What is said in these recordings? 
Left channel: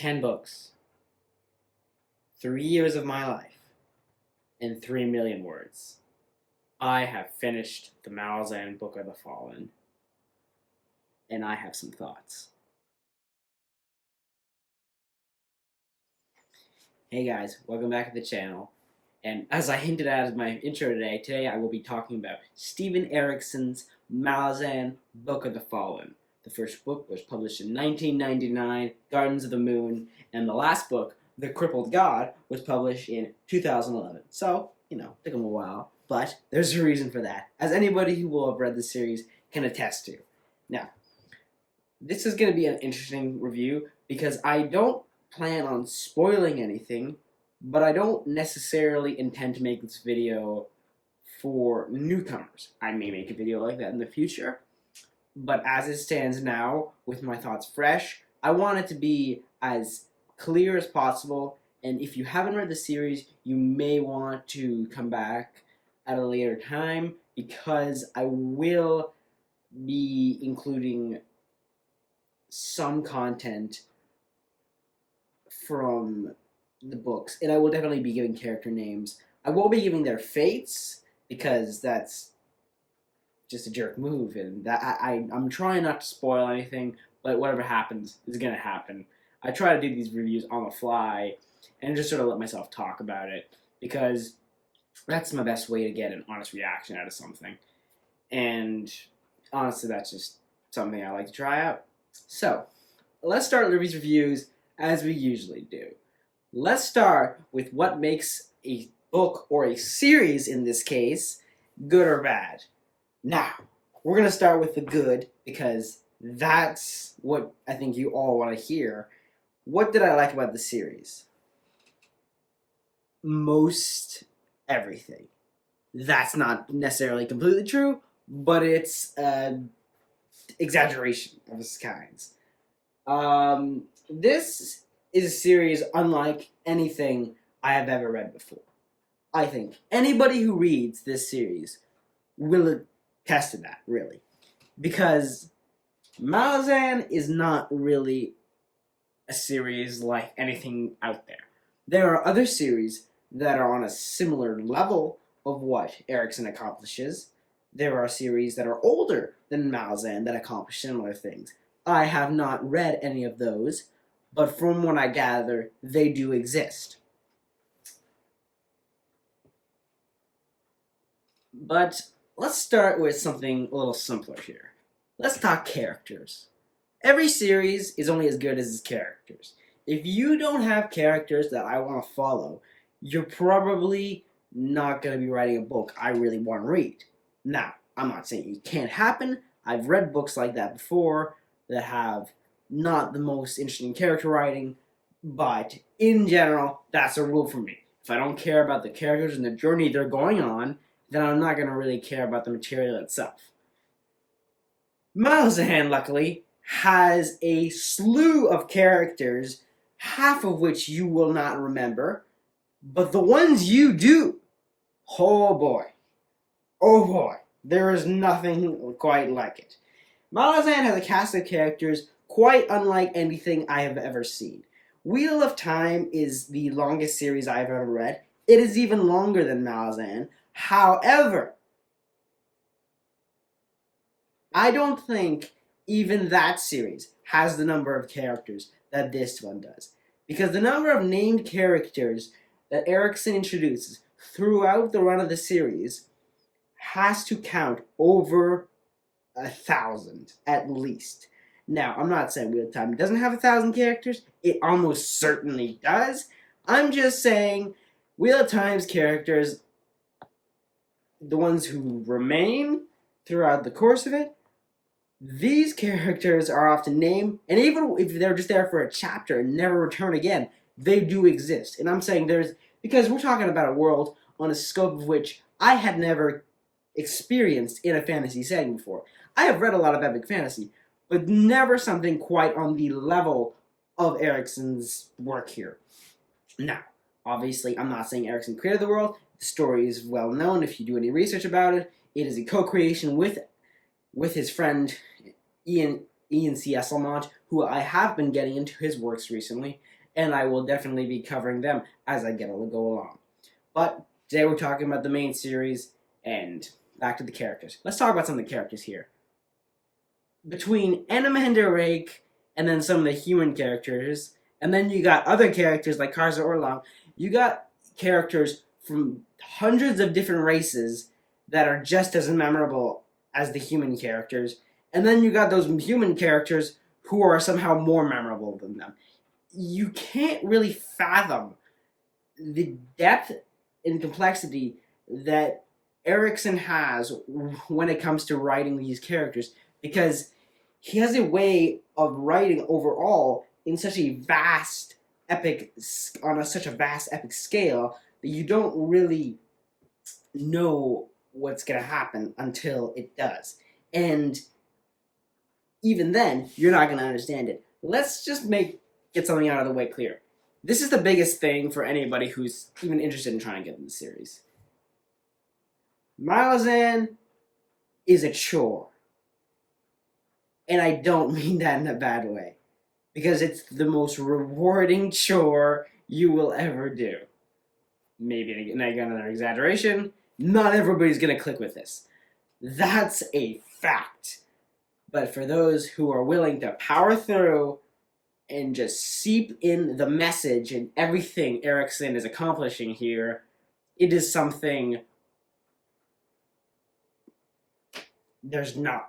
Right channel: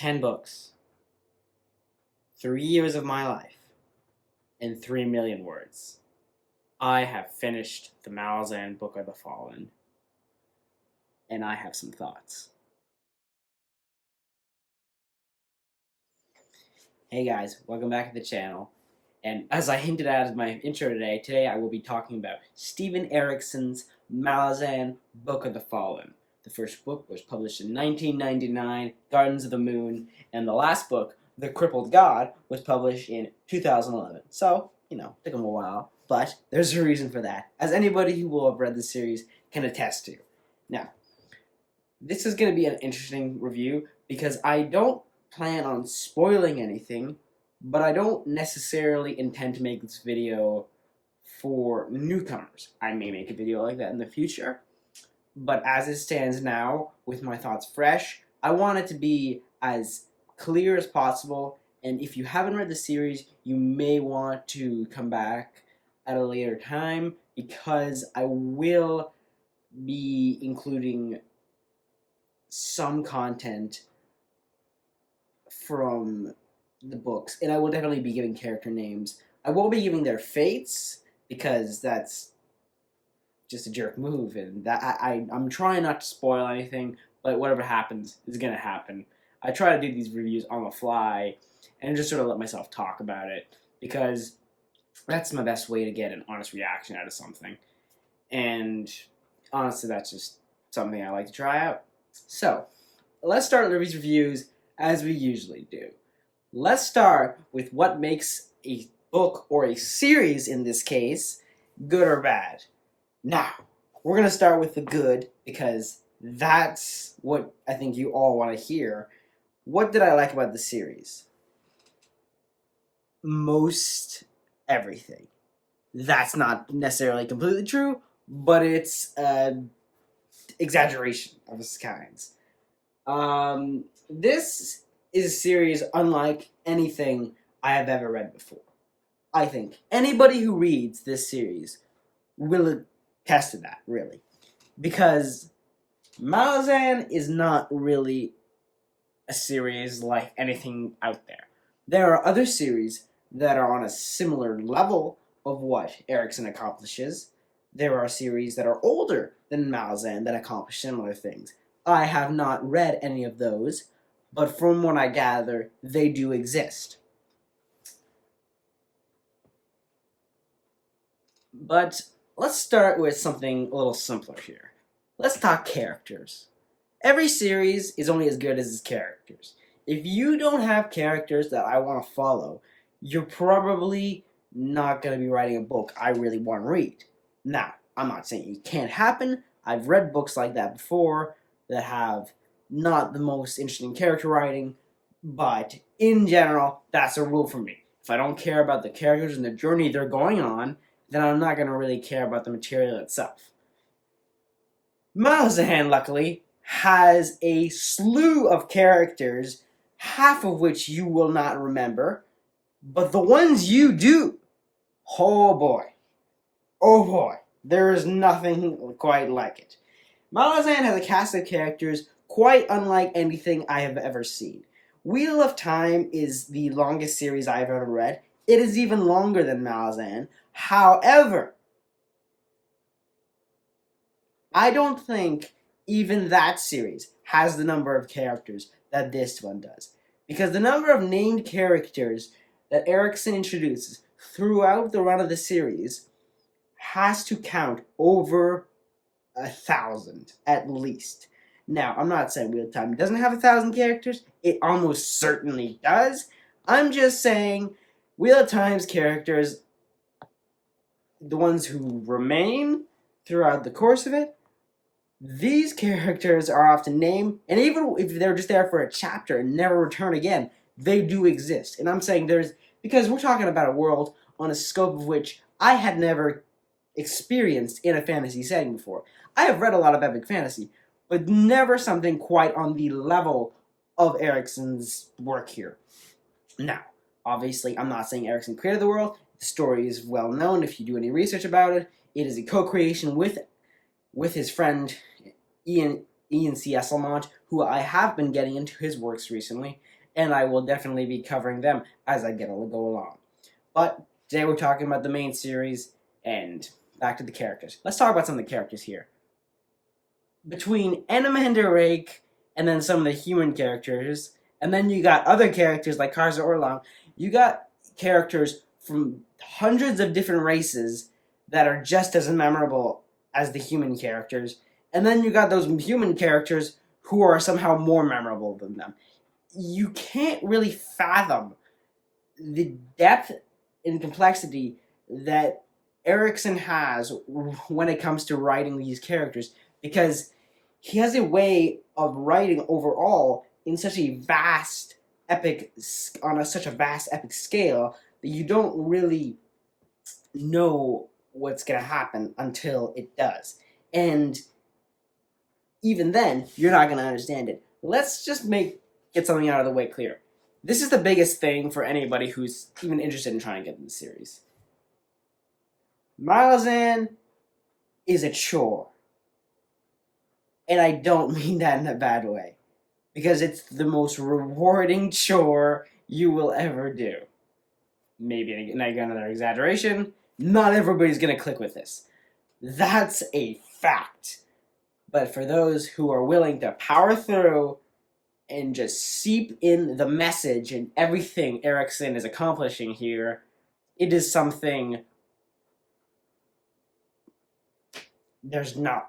10 books, 3 years of my life, and 3 million words. I have finished the Malazan Book of the Fallen, and I have some thoughts. Hey guys, welcome back to the channel. And as I hinted at as my intro today I will be talking about Steven Erikson's Malazan Book of the Fallen. The first book was published in 1999, Gardens of the Moon, and the last book, The Crippled God, was published in 2011. So, took him a while, but there's a reason for that, as anybody who will have read the series can attest to. Now, this is going to be an interesting review because I don't plan on spoiling anything, but I don't necessarily intend to make this video for newcomers. I may make a video like that in the future, but as it stands now, with my thoughts fresh, I want it to be as clear as possible, and if you haven't read the series, you may want to come back at a later time, because I will be including some content from the books, and I will definitely be giving character names. I won't be giving their fates, because that's just a jerk move, and that I'm trying not to spoil anything, but whatever happens is going to happen. I try to do these reviews on the fly, and just sort of let myself talk about it, because that's my best way to get an honest reaction out of something. And honestly, that's just something I like to try out. So, let's start with these reviews as we usually do. Let's start with what makes a book, or a series in this case, good or bad. Now, we're going to start with the good, because that's what I think you all want to hear. What did I like about the series? Most everything. That's not necessarily completely true, but it's exaggeration of its kinds. This is a series unlike anything I have ever read before. I think anybody who reads this series will attest to that, really. Because Malazan is not really a series like anything out there. There are other series that are on a similar level of what Erikson accomplishes. There are series that are older than Malazan that accomplish similar things. I have not read any of those, but from what I gather, they do exist. But let's start with something a little simpler here. Let's talk characters. Every series is only as good as its characters. If you don't have characters that I want to follow, you're probably not going to be writing a book I really want to read. Now, I'm not saying it can't happen. I've read books like that before that have not the most interesting character writing, but in general, that's a rule for me. If I don't care about the characters and the journey they're going on, then I'm not going to really care about the material itself. Malazan, luckily, has a slew of characters, half of which you will not remember, but the ones you do, oh boy, there is nothing quite like it. Malazan has a cast of characters quite unlike anything I have ever seen. Wheel of Time is the longest series I have ever read. It is even longer than Malazan. However, I don't think even that series has the number of characters that this one does. Because the number of named characters that Erikson introduces throughout the run of the series has to count over 1,000, at least. Now, I'm not saying Wheel of Time doesn't have 1,000 characters. It almost certainly does. I'm just saying Wheel of Time's characters, the ones who remain throughout the course of it, these characters are often named, and even if they're just there for a chapter and never return again, they do exist. And I'm saying because we're talking about a world on a scope of which I had never experienced in a fantasy setting before. I have read a lot of epic fantasy, but never something quite on the level of Erikson's work here. Now, obviously, I'm not saying Erikson created the world. The story is well known if you do any research about it. It is a co-creation with his friend Ian C. Esselmont, who I have been getting into his works recently, and I will definitely be covering them as I go along. But today we're talking about the main series, and back to the characters. Let's talk about some of the characters here. Between Animander Rake and then some of the human characters, and then you got other characters like Karza Orlov, you got characters from hundreds of different races that are just as memorable as the human characters, and then you got those human characters who are somehow more memorable than them. You can't really fathom the depth and complexity that Erikson has when it comes to writing these characters, because he has a way of writing overall in such a vast epic scale that you don't really know what's going to happen until it does. And even then, you're not going to understand it. Let's just get something out of the way clear. This is the biggest thing for anybody who's even interested in trying to get in the series. Malazan is a chore. And I don't mean that in a bad way. Because it's the most rewarding chore you will ever do. Maybe another exaggeration. Not everybody's going to click with this. That's a fact. But for those who are willing to power through and just seep in the message and everything Erikson is accomplishing here, it is something there's not.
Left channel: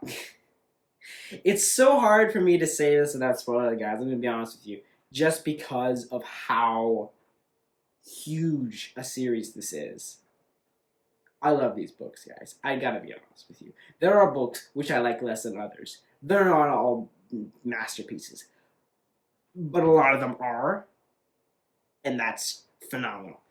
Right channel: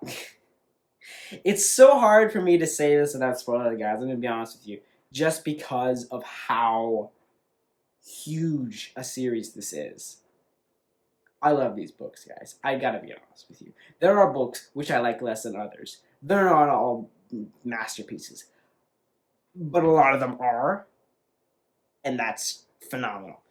It's so hard for me to say this without spoiling it, guys. I'm going to be honest with you. Just because of how huge a series this is. I love these books, guys. I gotta be honest with you. There are books which I like less than others. They're not all masterpieces. But a lot of them are. And that's phenomenal.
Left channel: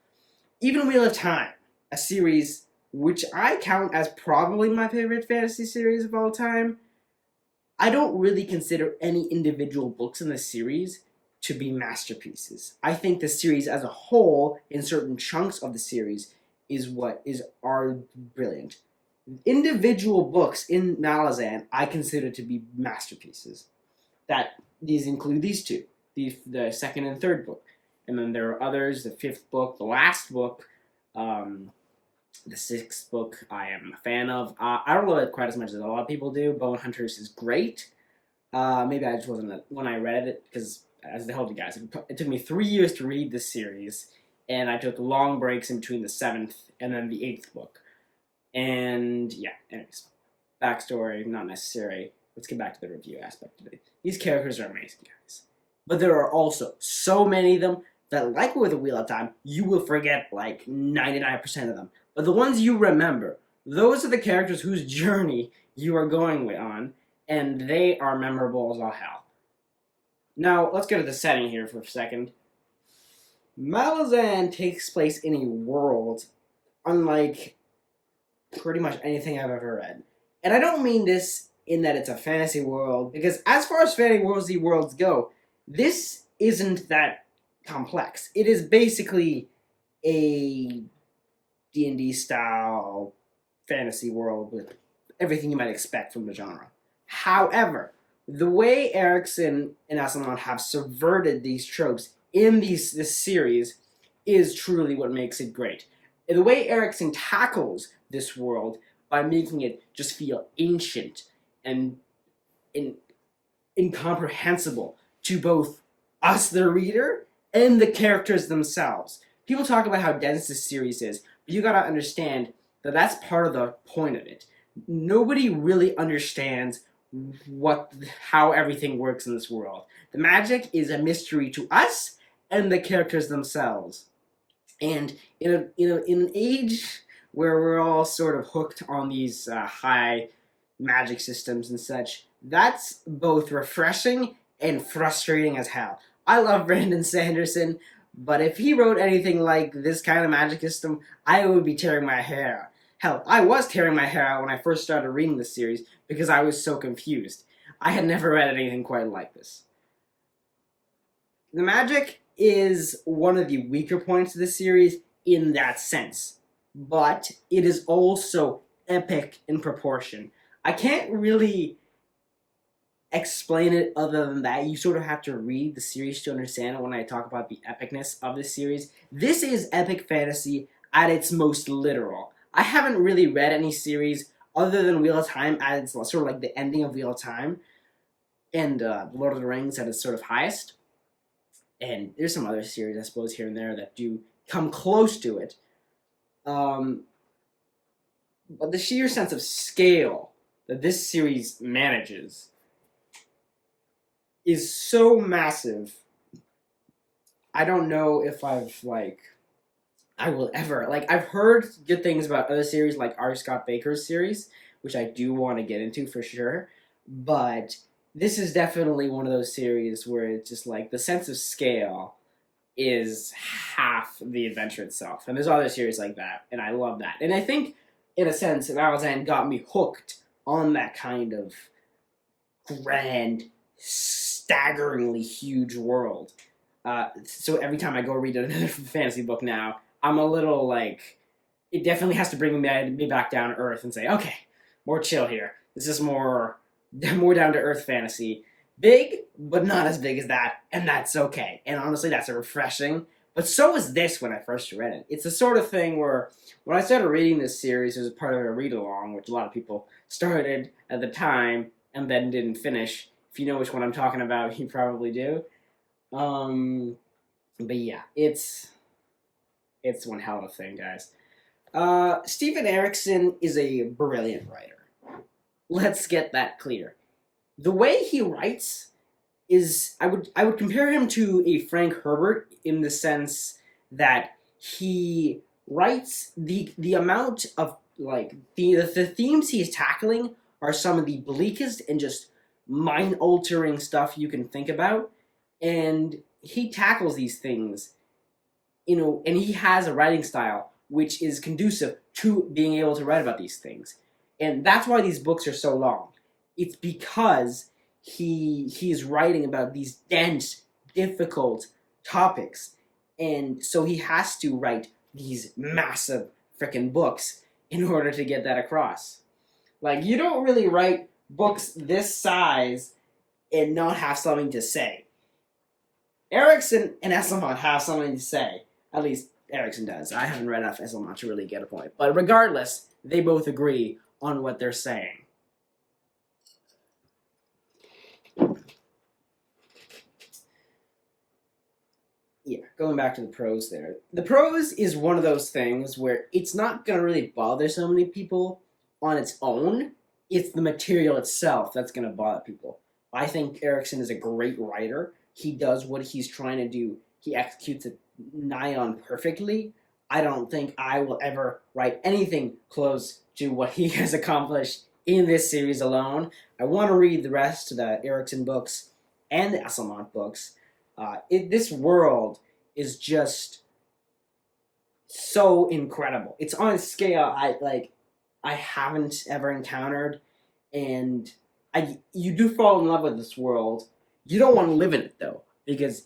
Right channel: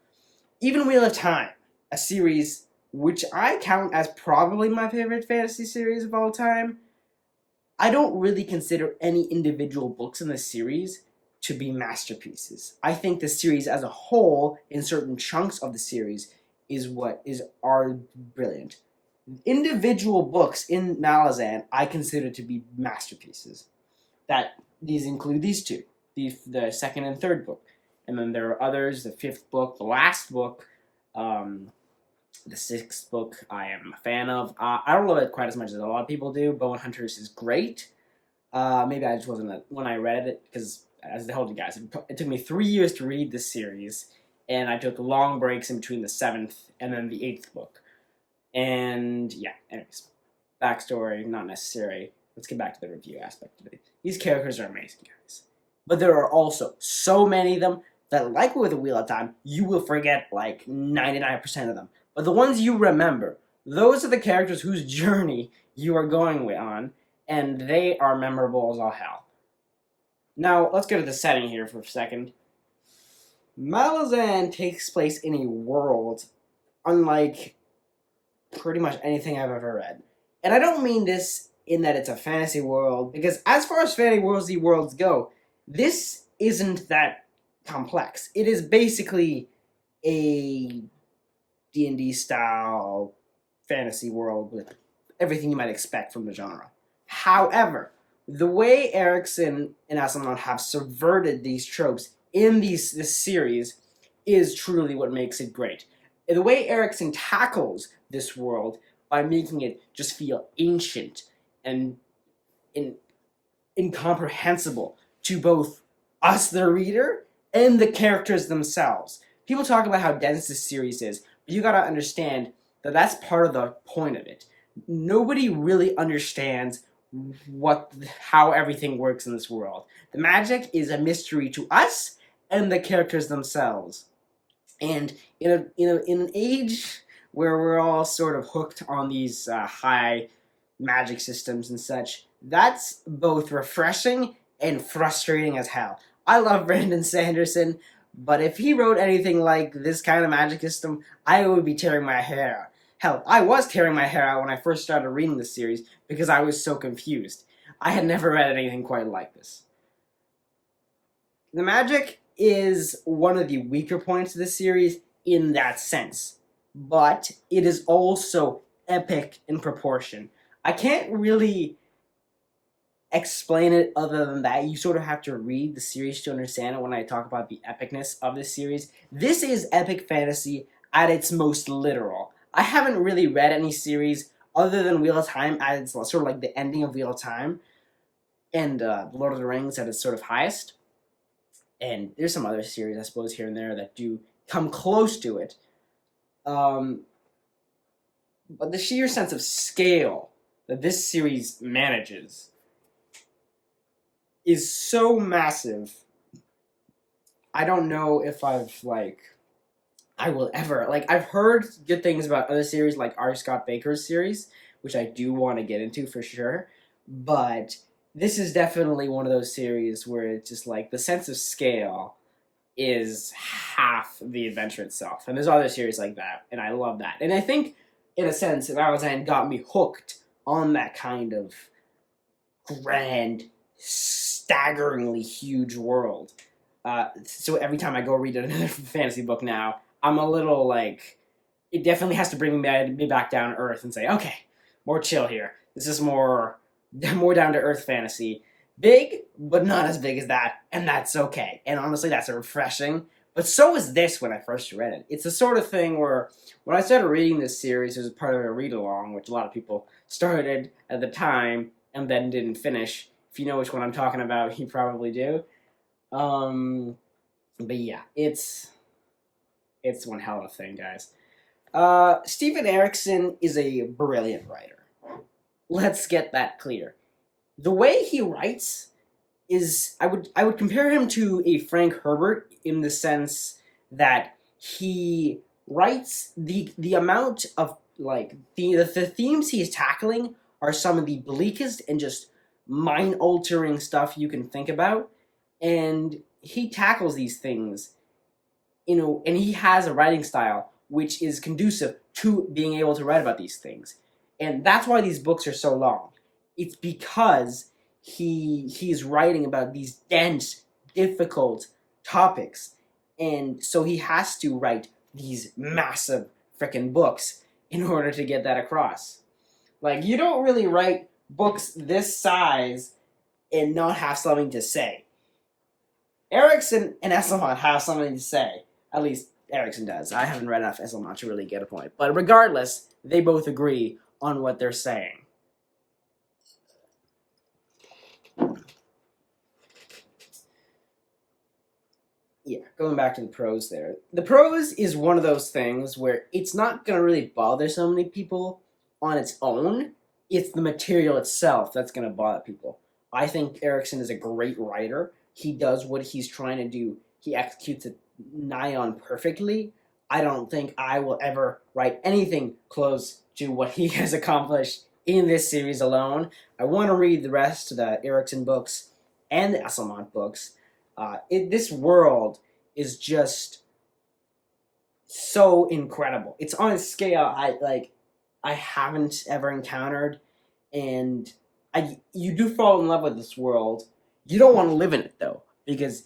Even Wheel of Time, a series which I count as probably my favorite fantasy series of all time. I don't really consider any individual books in the series to be masterpieces. I think the series as a whole, in certain chunks of the series, are brilliant. Individual books in Malazan I consider to be masterpieces. These include these two, the second and third book. And then there are others, the fifth book, the last book, the sixth book I am a fan of. I don't love it quite as much as a lot of people do. Bone Hunters is great. Maybe I just wasn't when I read it, because as I told you guys, it took me 3 years to read this series, and I took long breaks in between the 7th and then the 8th book. And yeah, anyways, backstory, not necessary. Let's get back to the review aspect of it. These characters are amazing, guys. But there are also so many of them that, like with the Wheel of Time, you will forget like 99% of them. But the ones you remember, those are the characters whose journey you are going on, and they are memorable as all hell. Now, let's go to the setting here for a second. Malazan takes place in a world unlike pretty much anything I've ever read. And I don't mean this in that it's a fantasy world, because as far as fantasy worlds go, this isn't that complex. It is basically a D&D style fantasy world with everything you might expect from the genre. However, the way Erikson and Asimov have subverted these tropes in this series is truly what makes it great. The way Erikson tackles this world by making it just feel ancient and incomprehensible to both us, the reader, and the characters themselves. People talk about how dense this series is, but you gotta understand that that's part of the point of it. Nobody really understands how everything works in this world. The magic is a mystery to us and the characters themselves. And in an age where we're all sort of hooked on these high magic systems and such, that's both refreshing and frustrating as hell. I love Brandon Sanderson, but if he wrote anything like this kind of magic system, I would be tearing my hair out. Hell, I was tearing my hair out when I first started reading this series because I was so confused. I had never read anything quite like this. The magic is one of the weaker points of this series in that sense, but it is also epic in proportion. I can't really explain it other than that. You sort of have to read the series to understand it when I talk about the epicness of this series. This is epic fantasy at its most literal. I haven't really read any series other than Wheel of Time at its sort of like the ending of Wheel of Time and Lord of the Rings at its sort of highest. And there's some other series, I suppose, here and there that do come close to it. But the sheer sense of scale that this series manages is so massive. I don't know if I will ever, I've heard good things about other series like R. Scott Baker's series, which I do want to get into for sure, but this is definitely one of those series where it's just like the sense of scale is half the adventure itself. And there's other series like that, and I love that. And I think, in a sense, Malazan got me hooked on that kind of grand, staggeringly huge world. So every time I go read another fantasy book now, I'm a little like, it definitely has to bring me back down to earth and say, okay, more chill here. This is more down to earth fantasy. Big, but not as big as that, and that's okay. And honestly, that's refreshing. But so was this when I first read it. It's the sort of thing where when I started reading this series, it was part of a read-along, which a lot of people started at the time and then didn't finish. If you know which one I'm talking about, you probably do. But yeah, it's one hell of a thing, guys. Steven Erikson is a brilliant writer. Let's get that clear. The way he writes is, I would compare him to a Frank Herbert in the sense that he writes the amount of the themes he's tackling are some of the bleakest and just mind-altering stuff you can think about, and he tackles these things, and he has a writing style which is conducive to being able to write about these things, and that's why these books are so long. It's because he's writing about these dense, difficult topics, and so he has to write these massive freaking books in order to get that across. Like, you don't really write books this size and not have something to say. Erikson and Esselmont have something to say. At least Erikson does. I haven't read enough Esselmont to really get a point. But regardless, they both agree on what they're saying. Yeah, going back to the prose there. The prose is one of those things where it's not going to really bother so many people on its own. It's the material itself that's going to bother people. I think Erikson is a great writer. He does what he's trying to do. He executes it nigh on perfectly. I don't think I will ever write anything close to what he has accomplished in this series alone. I want to read the rest of the Erikson books and the Esselmont books. This world is just so incredible. It's on a scale I haven't ever encountered, and you do fall in love with this world. You don't want to live in it though, because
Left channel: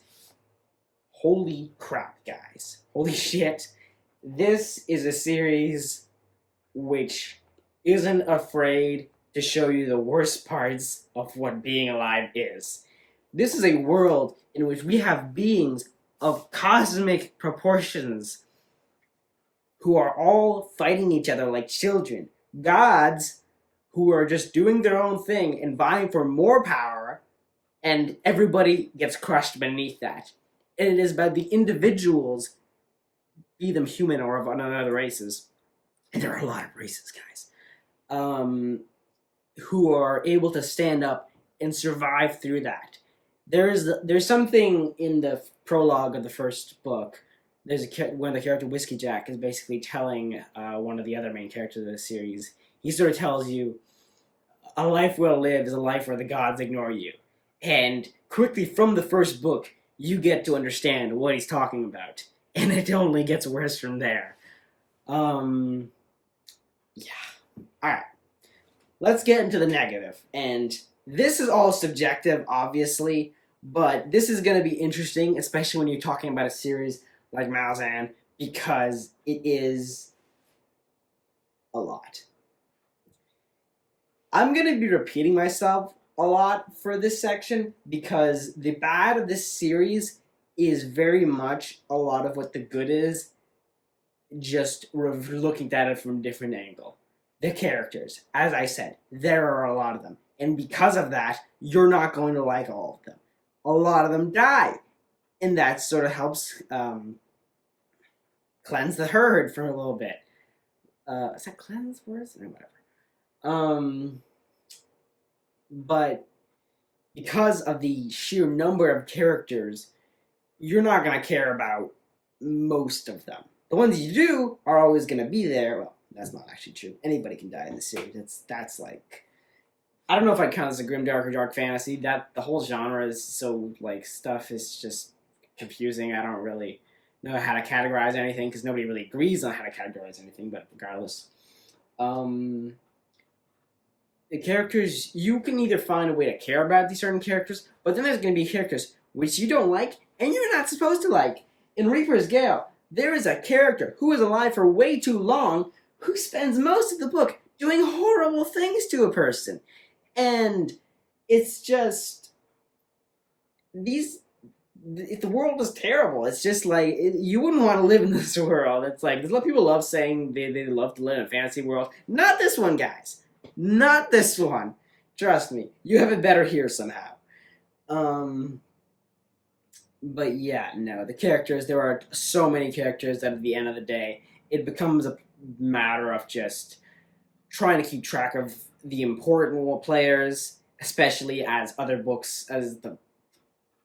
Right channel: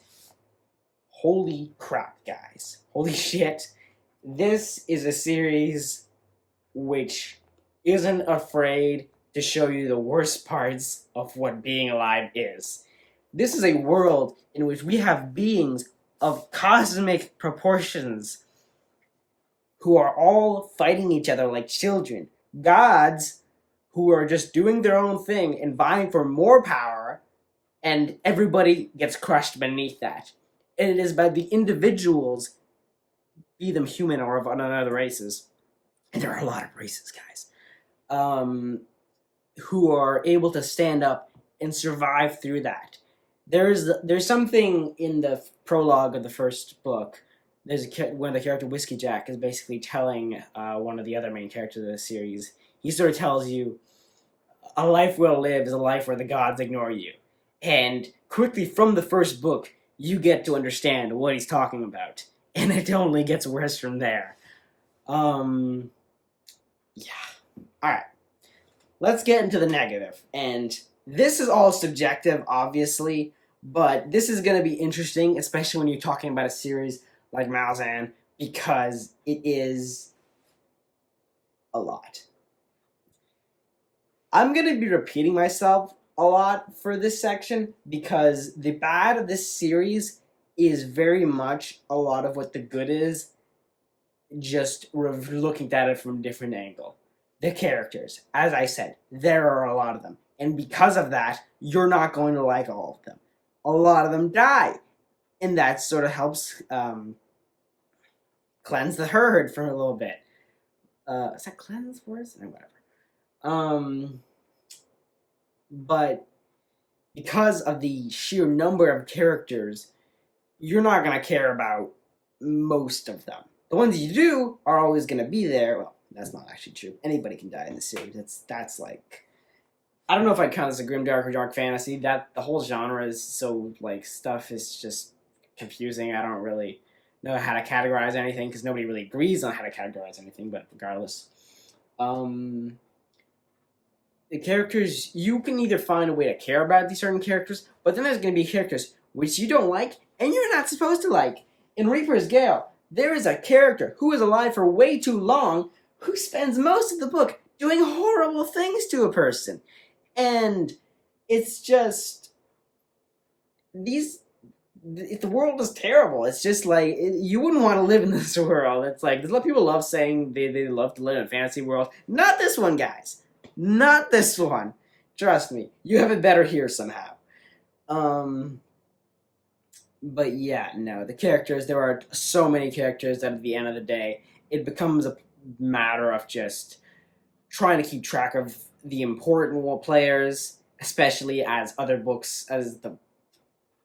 holy crap, guys. Holy shit. This is a series which isn't afraid to show you the worst parts of what being alive is. This is a world in which we have beings of cosmic proportions who are all fighting each other like children. Gods who are just doing their own thing and vying for more power, and everybody gets crushed beneath that. And it is by the individuals, be them human or of other races, and there are a lot of races, guys, who are able to stand up and survive through that. There's something in the prologue of the first book. There's when the character Whiskey Jack is basically telling one of the other main characters of the series. He sort of tells you, a life well lived is a life where the gods ignore you. And quickly from the first book, you get to understand what he's talking about. And it only gets worse from there. Yeah. Alright. Let's get into the negative. And this is all subjective, obviously, but this is going to be interesting, especially when you're talking about a series like Malazan, because it is a lot. I'm going to be repeating myself a lot for this section because the bad of this series is very much a lot of what the good is, just looking at it from a different angle. The characters, as I said, there are a lot of them. And because of that, you're not going to like all of them. A lot of them die. And that sort of helps cleanse the herd for a little bit. Is that cleanse words? No, whatever. But because of the sheer number of characters, you're not going to care about most of them. The ones you do are always going to be there. Well, that's not actually true. Anybody can die in the series. That's like, I don't know if I count as a grimdark or dark fantasy. That the whole genre is so like stuff is just confusing. I don't really know how to categorize anything because nobody really agrees on how to categorize anything. But regardless, the characters, you can either find a way to care about these certain characters, but then there's going to be characters which you don't like and you're not supposed to like. In Reaper's Gale, there is a character who is alive for way too long who spends most of the book doing horrible things to a person. And it's just, the world is terrible. It's just like, you wouldn't want to live in this world. It's like, there's a lot of people love saying they love to live in a fantasy world. Not this one, guys. Not this one. Trust me. You have it better here somehow. But yeah, no, the characters, there are so many characters that at the end of the day, it becomes a matter of just trying to keep track of the important players, especially as other books, as the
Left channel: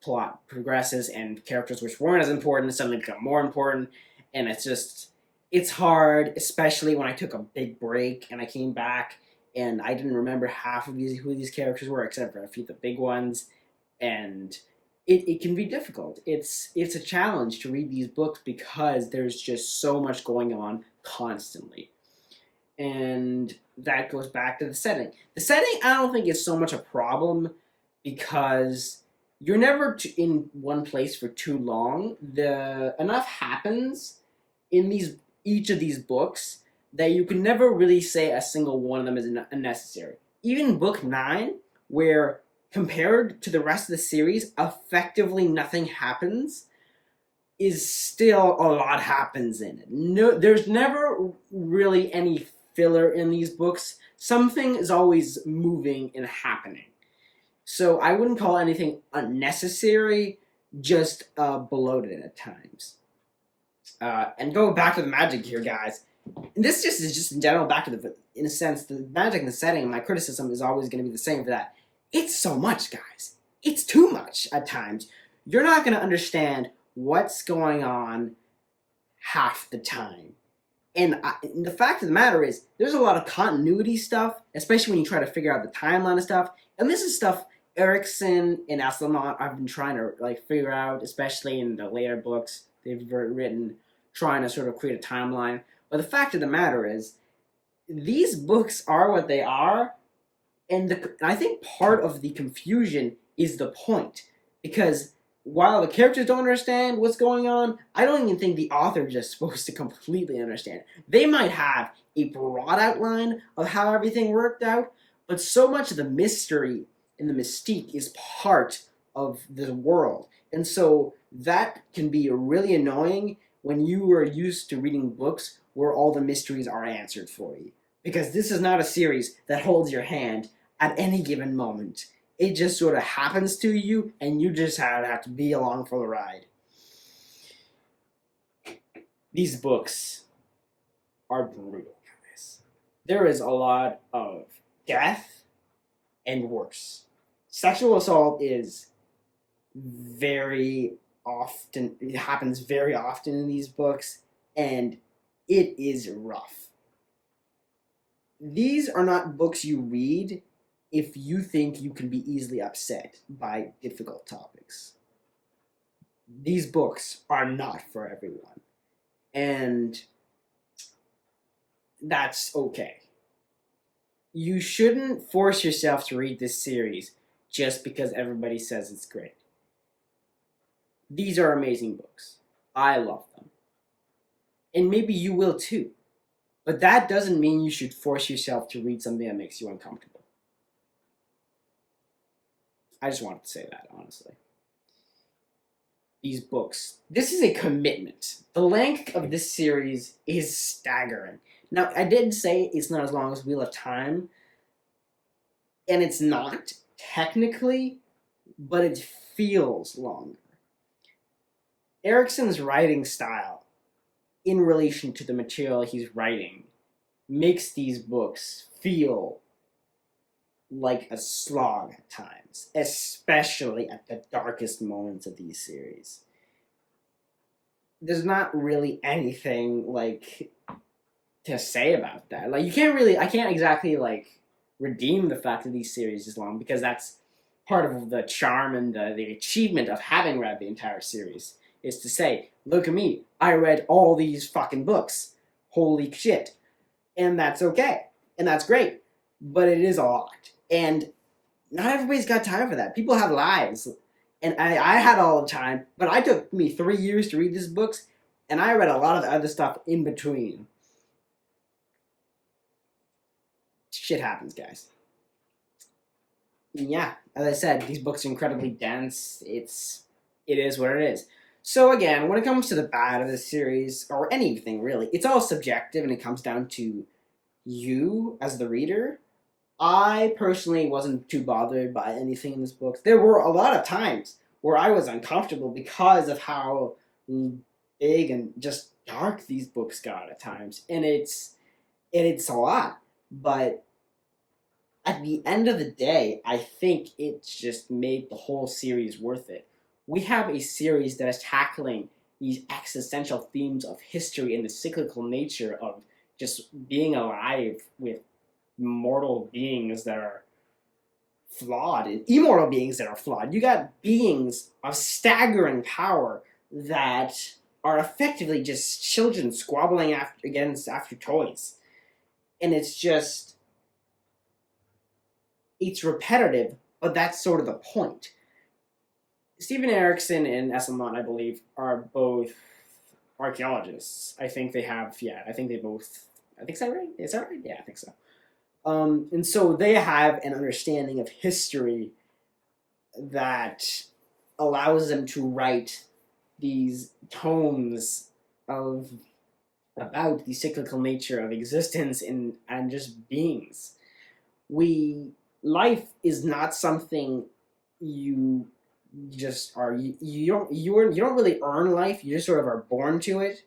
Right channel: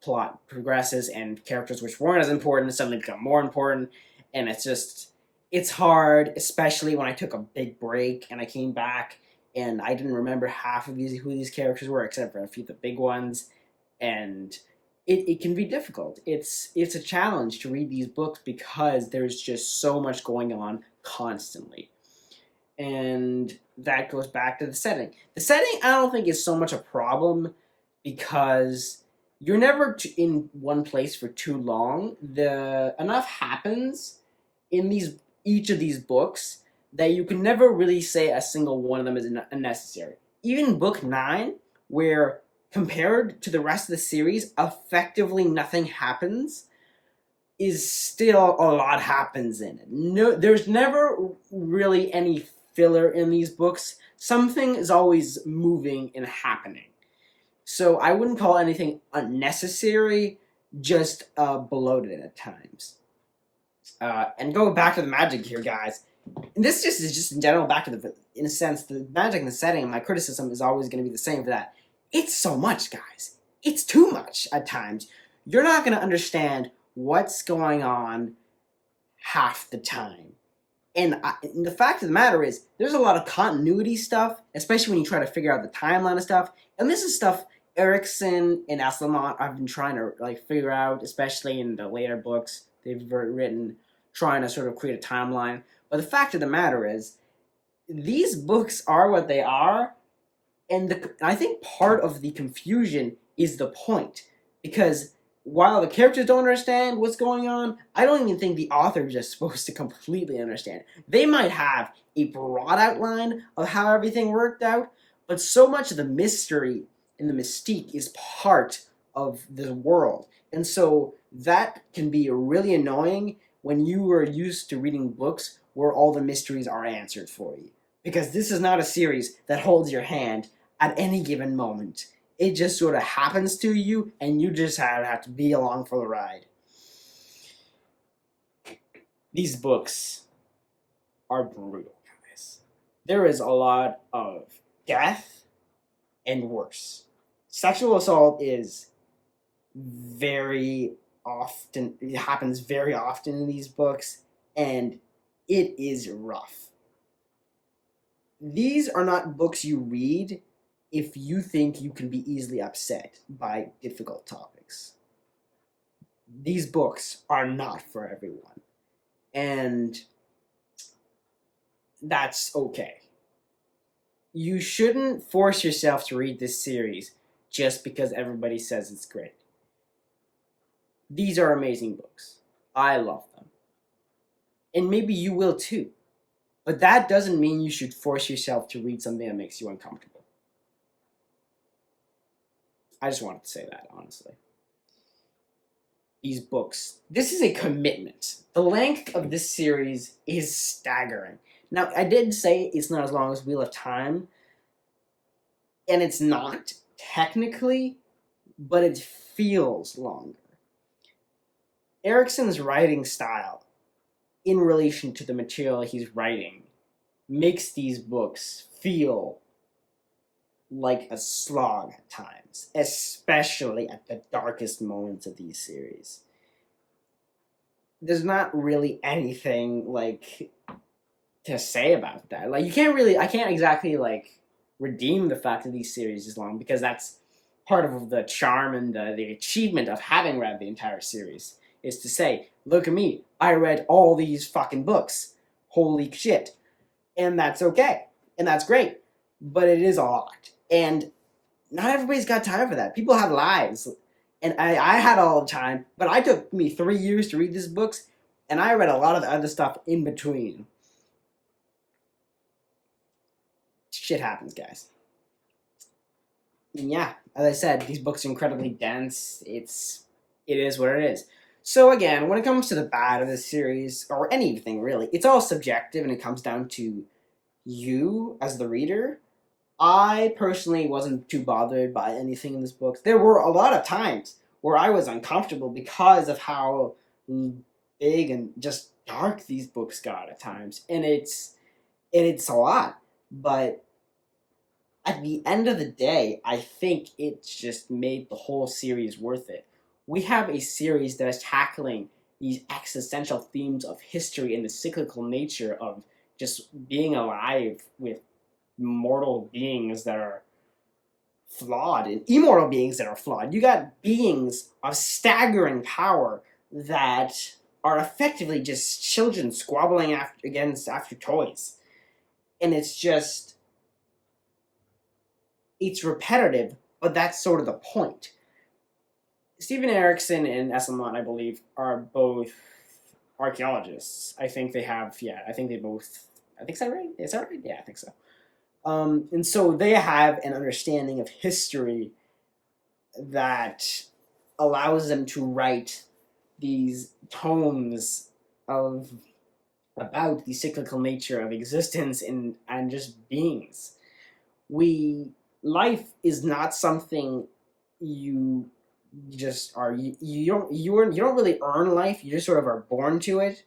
plot progresses and characters which weren't as important suddenly become more important. And it's hard, especially when I took a big break and I came back and I didn't remember half of who these characters were, except for a few of the big ones. And it can be difficult. It's a challenge to read these books because there's just so much going on constantly. And that goes back to the setting. The setting, I don't think, is so much a problem because you're never in one place for too long. Enough happens in each of these books that you can never really say a single one of them is unnecessary. Even book 9, where compared to the rest of the series, effectively nothing happens, is still a lot happens in it. No, there's never really any filler in these books. Something is always moving and happening. So I wouldn't call anything unnecessary, just bloated at times. And go back to the magic here, guys. And this is just in general back to in a sense, the magic and the setting, my criticism is always going to be the same for that. It's so much, guys. It's too much at times. You're not going to understand what's going on half the time. And the fact of the matter is, there's a lot of continuity stuff, especially when you try to figure out the timeline of stuff. And this is stuff Erikson and Aslamont have been trying to figure out, especially in the later books they've written, trying to sort of create a timeline. But the fact of the matter is, these books are what they are, and I think part of the confusion is the point. Because while the characters don't understand what's going on, I don't even think the author is just supposed to completely understand. They might have a broad outline of how everything worked out, but so much of the mystery and the mystique is part of the world. And so that can be really annoying when you are used to reading books where all the mysteries are answered for you. Because this is not a series that holds your hand at any given moment. It just sort of happens to you, and you just have to be along for the ride. These books are brutal, guys. There is a lot of death and worse. Sexual assault is very often, it happens very often in these books, and it is rough. These are not books you read if you think you can be easily upset by difficult topics. These books are not for everyone. And that's okay. You shouldn't force yourself to read this series just because everybody says it's great. These are amazing books. I love them. And maybe you will too. But that doesn't mean you should force yourself to read something that makes you uncomfortable. I just wanted to say that, honestly. These books. This is a commitment. The length of this series is staggering. Now, I did say it's not as long as Wheel of Time, and it's not, technically, but it feels longer. Erikson's writing style, in relation to the material he's writing, makes these books feel like a slog at times, especially at the darkest moments of these series. There's not really anything like to say about that. Like I can't exactly like redeem the fact that these series is long, because that's part of the charm and the achievement of having read the entire series, is to say, look at me, I read all these fucking books. Holy shit. And that's okay. And that's great. But it is a lot. And not everybody's got time for that. People have lives. And I had all the time, but it took me 3 years to read these books, and I read a lot of the other stuff in between. Shit happens, guys. And yeah, as I said, these books are incredibly dense. It is what it is. So again, when it comes to the bad of this series, or anything really, it's all subjective, and it comes down to you as the reader. I personally wasn't too bothered by anything in this book. There were a lot of times where I was uncomfortable because of how big and just dark these books got at times, and it's a lot. But at the end of the day, I think it's just made the whole series worth it. We have a series that is tackling these existential themes of history and the cyclical nature of just being alive with mortal beings that are flawed and immortal beings that are flawed. You got beings of staggering power that are effectively just children squabbling after toys. And it's repetitive, but that's sort of the point. Steven Erikson and Esselman, I believe, are both archaeologists. I think they have, I think so, right? Is that right? Yeah, I think so. And so they have an understanding of history that allows them to write these tomes about the cyclical nature of existence and just beings. Life is not something you just are. You don't really earn life. You just sort of are born to it,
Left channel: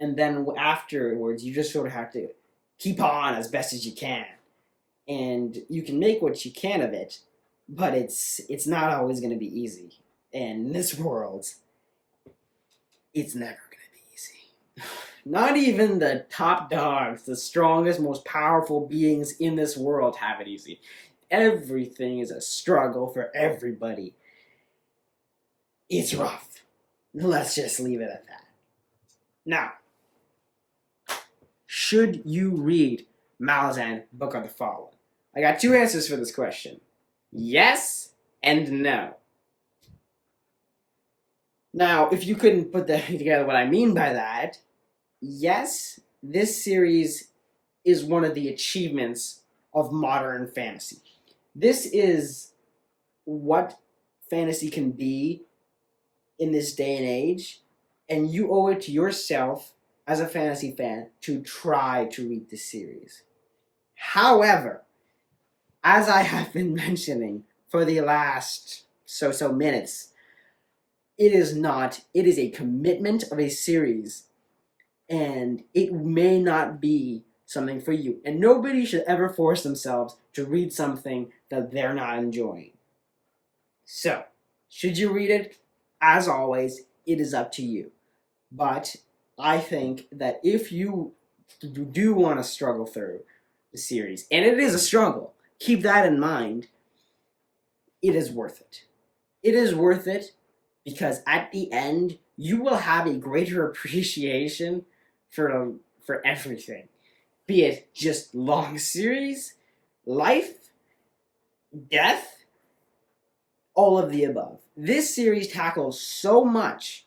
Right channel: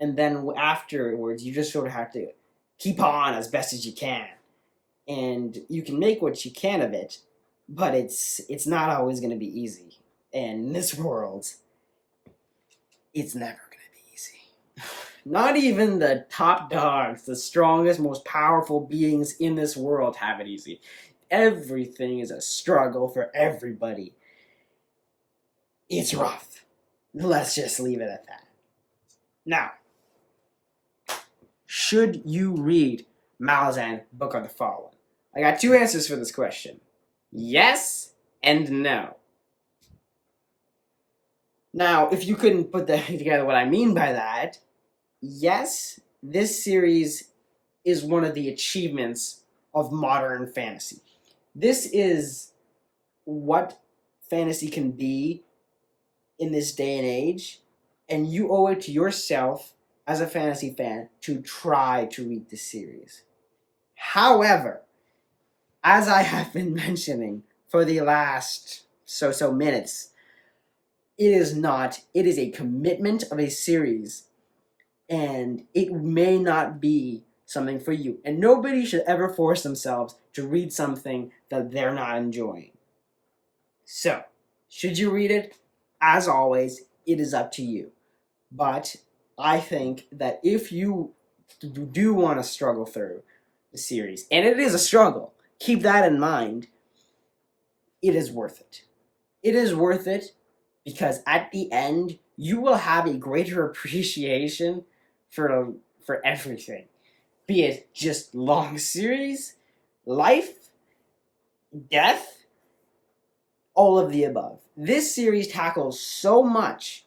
and then afterwards you just sort of have to keep on as best as you can. And you can make what you can of it, but it's not always going to be easy. And in this world, it's never going to be easy. Not even the top dogs, the strongest, most powerful beings in this world have it easy. Everything is a struggle for everybody. It's rough. Let's just leave it at that. Now, should you read Malazan Book of the Fallen? I got two answers for this question. Yes and no. Now, if you couldn't put together what I mean by that, yes, this series is one of the achievements of modern fantasy. This is what fantasy can be in this day and age, and you owe it to yourself as a fantasy fan to try to read this series. However, as I have been mentioning for the last so minutes, it is a commitment of a series, and it may not be something for you. And nobody should ever force themselves to read something that they're not enjoying. So, should you read it? As always, it is up to you. But I think that if you do want to struggle through the series, and it is a struggle, keep that in mind, it is worth it. It is worth it because at the end, you will have a greater appreciation for everything. Be it just long series, life, death, all of the above. This series tackles so much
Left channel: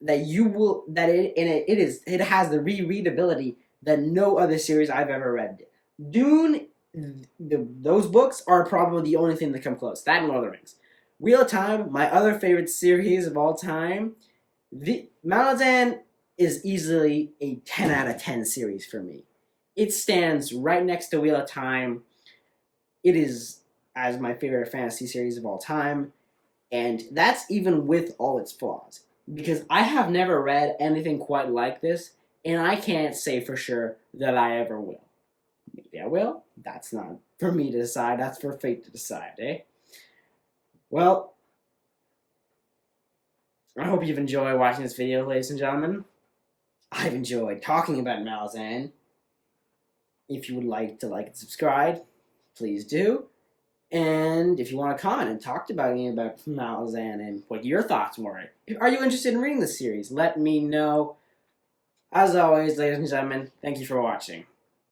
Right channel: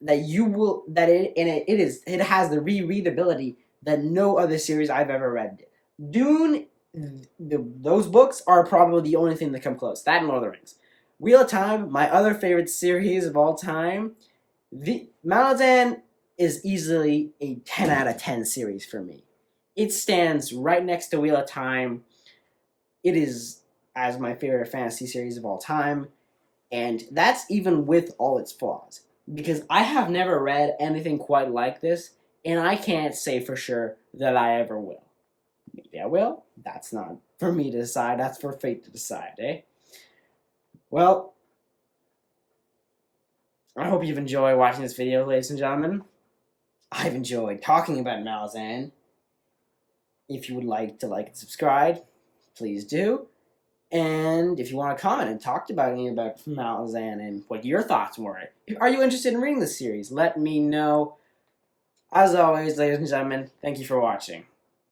that it has the rereadability that no other series I've ever read did. Dune, those books are probably the only thing that come close. That and Lord of the Rings. Wheel of Time, my other favorite series of all time. The Malazan is easily a 10 out of 10 series for me. It stands right next to Wheel of Time. It is as my favorite fantasy series of all time, and that's even with all its flaws. Because I have never read anything quite like this, and I can't say for sure that I ever will. Maybe I will. That's not for me to decide. That's for fate to decide, eh? Well, I hope you've enjoyed watching this video, ladies and gentlemen. I've enjoyed talking about Malazan. If you would like to like and subscribe, please do. And if you want to comment and talk about me about Malazan and what your thoughts were, are you interested in reading this series? Let me know. As always, ladies and gentlemen, thank you for watching.